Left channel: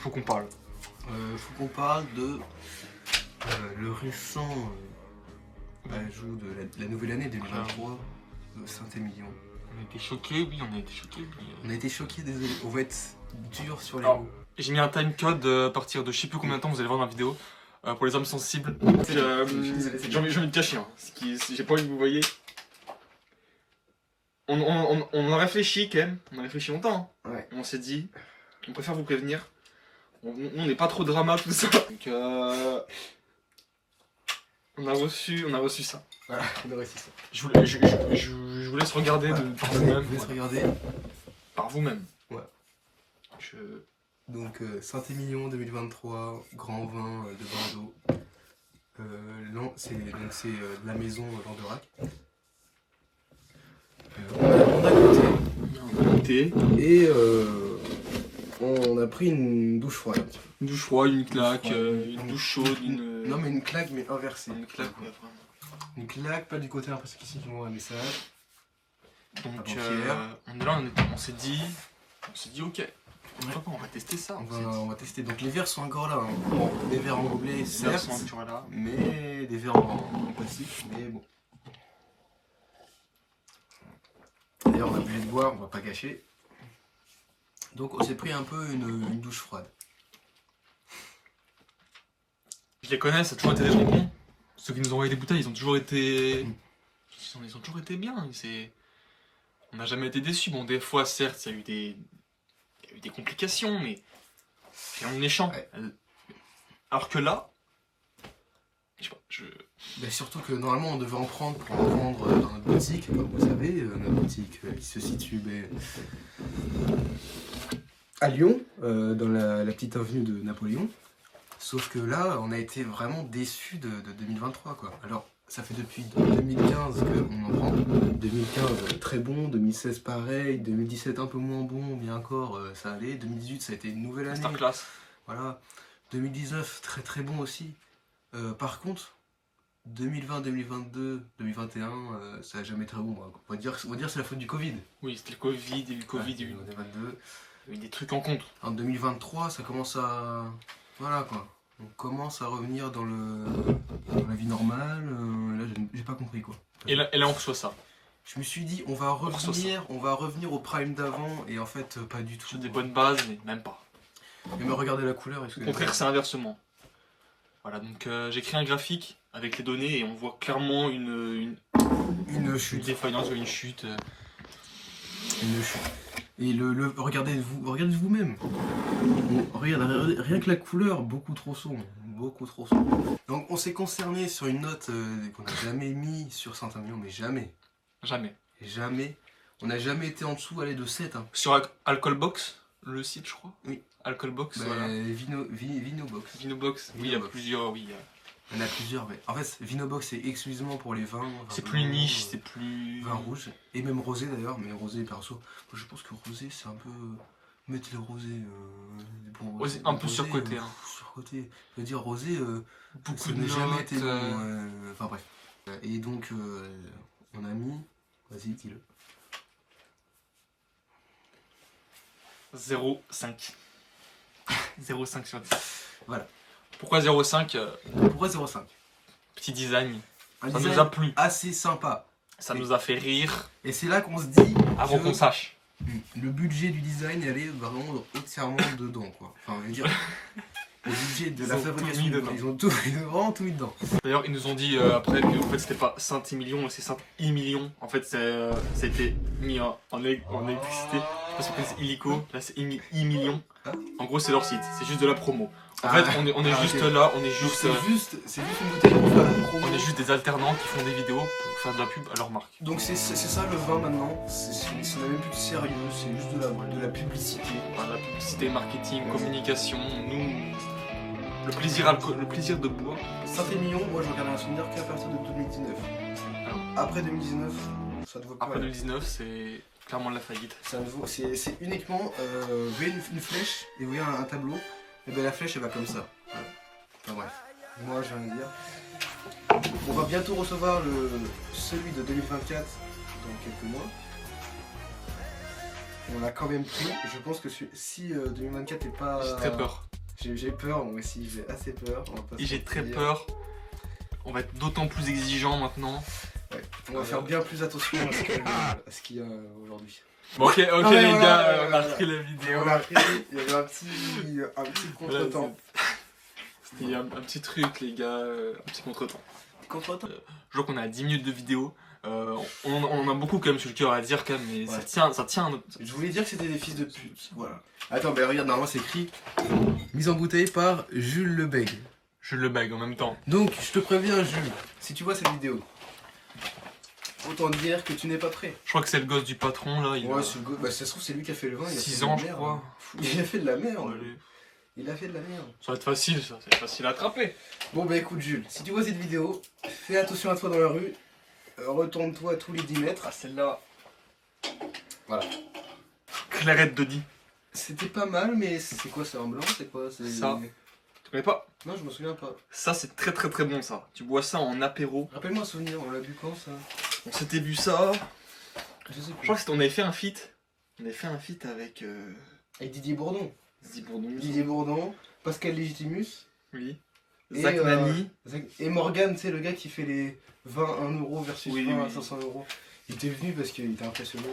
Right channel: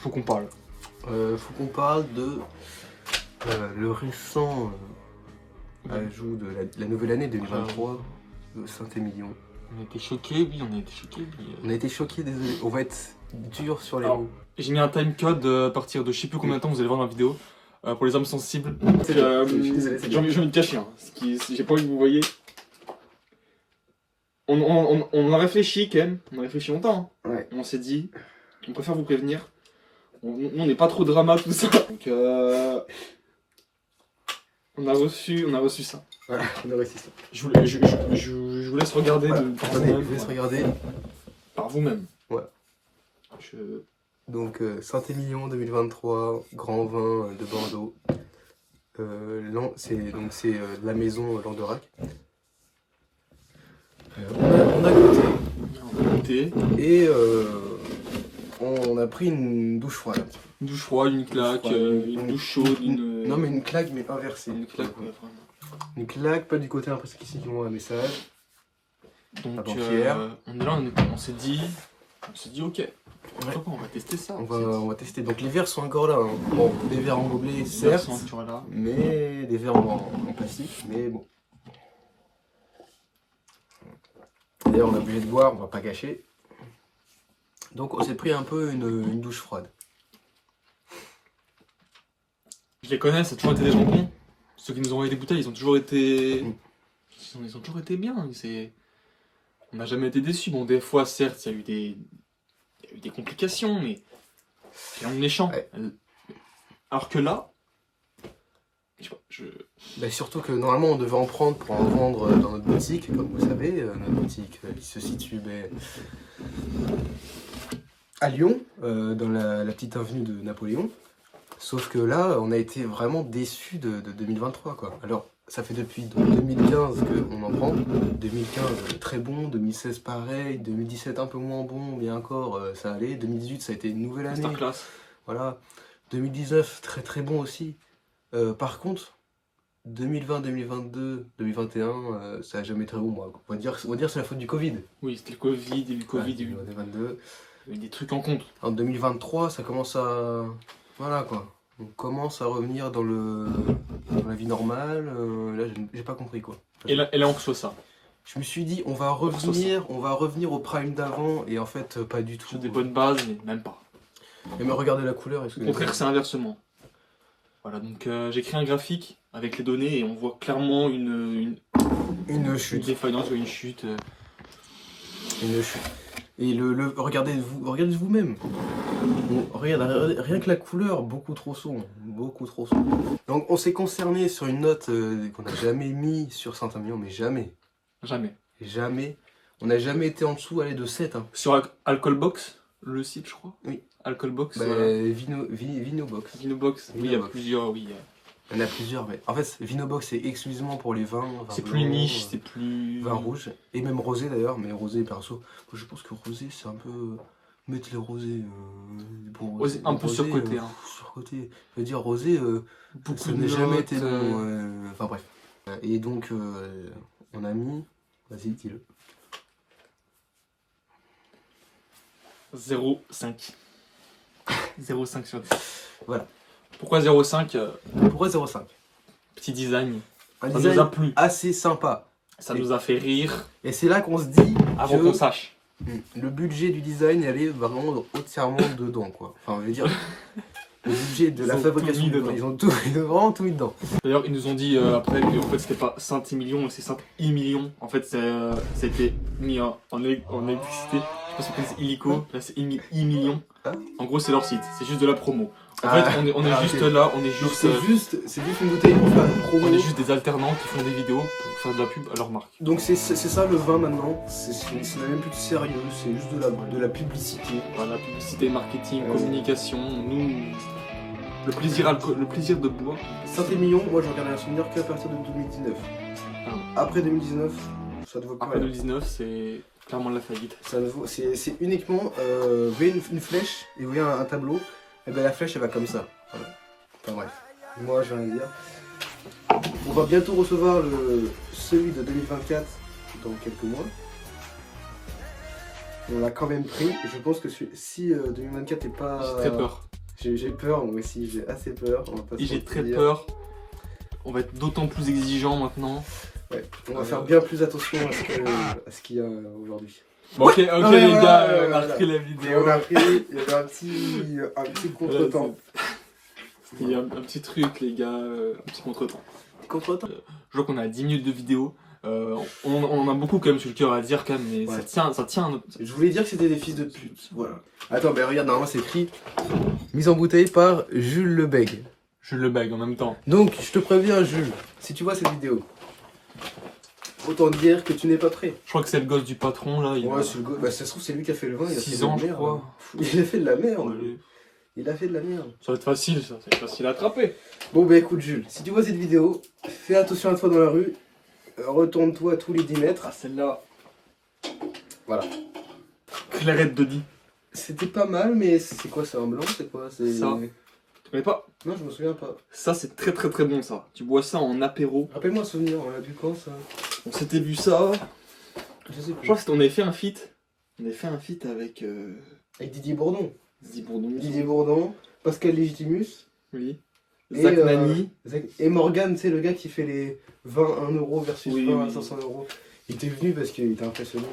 faut qu'on parle. Faut qu'on parle de le récent ajout de la nouvelle année 2023 de Saint-Émilion. On a été choqués, oui, on a été choqués. On a été choqués, désolé. On va être dur sur les Alors, mots. j'ai mis un timecode à partir de je sais plus combien de temps, vous allez voir dans la vidéo, pour les âmes sensibles. J'ai envie de cacher, hein, j'ai pas envie que vous voyez. On a réfléchi, Ken, on a réfléchi longtemps. Hein. Ouais. On s'est dit, on préfère vous prévenir. On n'est pas trop drama, tout ça. Donc, on a reçu ça. Voilà, on a reçu ça. Je vous laisse regarder par vous-même. Je vous laisse regarder. Par vous-même. Voilà. Donc, Saint-Émilion 2023, grand vin de Bordeaux. C'est la maison Languedoc. On a goûté. Et on a pris une douche froide. Une douche froide, une claque, une douche chaude, une... Non mais une claque mais inversée. Une claque, ouais, vraiment. Une claque, pas du côté parce qu'ici ils m'ont un message. Donc on est là, on s'est dit ok, on va tester ça. On va tester. Donc les verres sont encore là. Hein. Bon, des verres en gobelet certes, là. Mais des verres en plastique, mais bon. D'ailleurs on est obligé de boire, on va pas gâcher. Donc on s'est pris un peu une douche froide. Je les connais, ça a toujours été des gens cons. Ceux qui nous ont envoyé des bouteilles, ils ont toujours été bien. On n'a jamais été déçus. Bon, des fois, certes, il y a eu des complications, mais c'est un méchant. Ouais. Alors que là, je sais pas, surtout que normalement, on devait en prendre pour en vendre dans notre boutique, comme vous savez. Notre boutique, qui se situe à Lyon, dans la petite avenue de Napoléon. Sauf que là, on a été vraiment déçus de 2023, quoi. Alors, ça fait depuis 2015 qu'on en prend. 2015, très bon. 2016, pareil. 2017, un peu moins bon, mais encore, ça allait. 2018, ça a été une nouvelle année. Masterclass. Voilà. 2019, très très bon aussi. Par contre, 2020, 2022, 2021, ça n'a jamais été très bon. Moi. On va dire que c'est la faute du Covid. Oui, c'était le Covid, il y a eu le Covid, il y a eu des trucs en compte. En 2023, ça commence à... Voilà quoi. On commence à revenir dans la vie normale. Là, j'ai pas compris quoi. Et là, on reçoit ça. Je me suis dit, on va revenir au prime d'avant, et en fait, pas du tout. Sur des bonnes bases, mais même pas. Et me regardez la couleur. Au contraire, c'est inversement. Voilà, donc j'ai créé un graphique avec les données et on voit clairement une chute. Une défaillance, une chute. Une chute. Et regardez vous-même. Bon, rien que la couleur, beaucoup trop sombre. Beaucoup trop sombre. Donc on s'est concerné sur une note qu'on n'a jamais mis sur Saint-Émilion, mais jamais. Jamais. Jamais. On n'a jamais été en dessous, allez, de 7. Hein. Sur Alcoholbox, le site, je crois. Oui. Alcoholbox, voilà. Vinobox. Vinobox, oui, il y a plusieurs, oui. Il y en a plusieurs, mais en fait, Vinobox, c'est exclusivement pour les vins. C'est plus niche, c'est plus... Vin rouge, et même rosé d'ailleurs, mais rosé perso. Moi, je pense que rosé, c'est un peu... Mettre les rosés... rosé, un peu surcoté. Surcoté. Je veux dire, rosé, beaucoup ça n'a jamais été bon. Enfin bref. Et donc, on a mis... Vas-y, dis-le. 0,5. 0,5 sur 10. Voilà. Pourquoi 0,5 Pourquoi 0,5 Petit design. Ça nous a plu. Assez sympa. Ça nous a fait rire. Et c'est là qu'on se dit... Avant qu'on sache. Le budget du design, elle est vraiment entièrement dedans, quoi. Enfin, je veux dire... Le budget de la fabrication, ils ont vraiment tout mis dedans. D'ailleurs, ils nous ont dit après que en fait, c'était pas Saint-Émilion, c'est Saint-Émilion. En fait, ça a été mis en électricité. Je pense que c'est illico. Là, c'est Émilion. En gros, c'est leur site. C'est juste de la promo. En fait, on est juste là. C'est juste une bouteille pour faire une promo. On est juste des alternants qui font des vidéos pour faire de la pub à leur marque. Donc c'est ça le vin maintenant. C'est même plus sérieux. C'est juste de la publicité. Voilà, publicité, marketing, communication. Nous... Le plaisir de boire. Saint-Émilion, moi je regarde les souvenirs qu'à partir de 2019. Après 2019, ça ne vaut pas. Après 2019, c'est clairement de la faillite. C'est uniquement, vous voyez une flèche et vous voyez un tableau, et bien la flèche elle va comme ça. Voilà. Enfin bref, moi j'ai rien à dire. On va bientôt recevoir celui de 2024 dans quelques mois. On l'a quand même pris. Je pense que si 2024 n'est pas... J'ai très peur. J'ai peur, moi aussi, j'ai assez peur. On va pas se Et j'ai très mentir. peur. On va être d'autant plus exigeant maintenant. Ouais, on va faire bien plus attention à ce qu'il y a aujourd'hui. Bon, ok, Non, mais les voilà, gars, ouais, on a voilà. repris la vidéo. On a pris, il y avait un petit contretemps. C'était un petit truc, les gars, un petit contretemps. Je vois qu'on a 10 minutes de vidéo. On en a beaucoup quand même sur le cœur à dire quand même, mais Ouais. ça tient à notre... Je voulais dire que c'était des fils de pute. Voilà. Attends, mais regarde, normalement c'est écrit mise en bouteille par Jules Lebègue. Je le bague en même temps. Donc, je te préviens, Jules, si tu vois cette vidéo, autant te dire que tu n'es pas prêt. Je crois que c'est le gosse du patron là. Ouais, c'est le gars. Bah, ça se trouve, c'est lui qui a fait le vin. Il a 6 fait de la ans, je merde. crois. Il a fait de la merde. Allez. Il a fait de la merde. Ça va être facile, ça va être facile à attraper. Bon, bah écoute, Jules, si tu vois cette vidéo, fais attention à toi dans la rue. Retourne-toi tous les 10 mètres. Ah, celle-là. Voilà. Clairette de 10. C'était pas mal, mais c'est quoi? C'est un blanc? C'est quoi? C'est Ça. Tu connais pas? Non, je me souviens pas. Ça, c'est très très très bon ça. Tu bois ça en apéro. Rappelle-moi un souvenir, on l'a bu quand ça? On s'était bu ça. Je sais Je plus. crois que on avait fait un feat. On avait fait un feat avec Avec Didier Bourdon. Zizi Bourdon. Didier Bourdon, Pascal Légitimus. Oui. Et, Zach Nani. Et Morgan, c'est le gars qui fait les 20 1 euro versus Oui, 20 à oui. 500 euros. Il était venu parce qu'il était impressionné.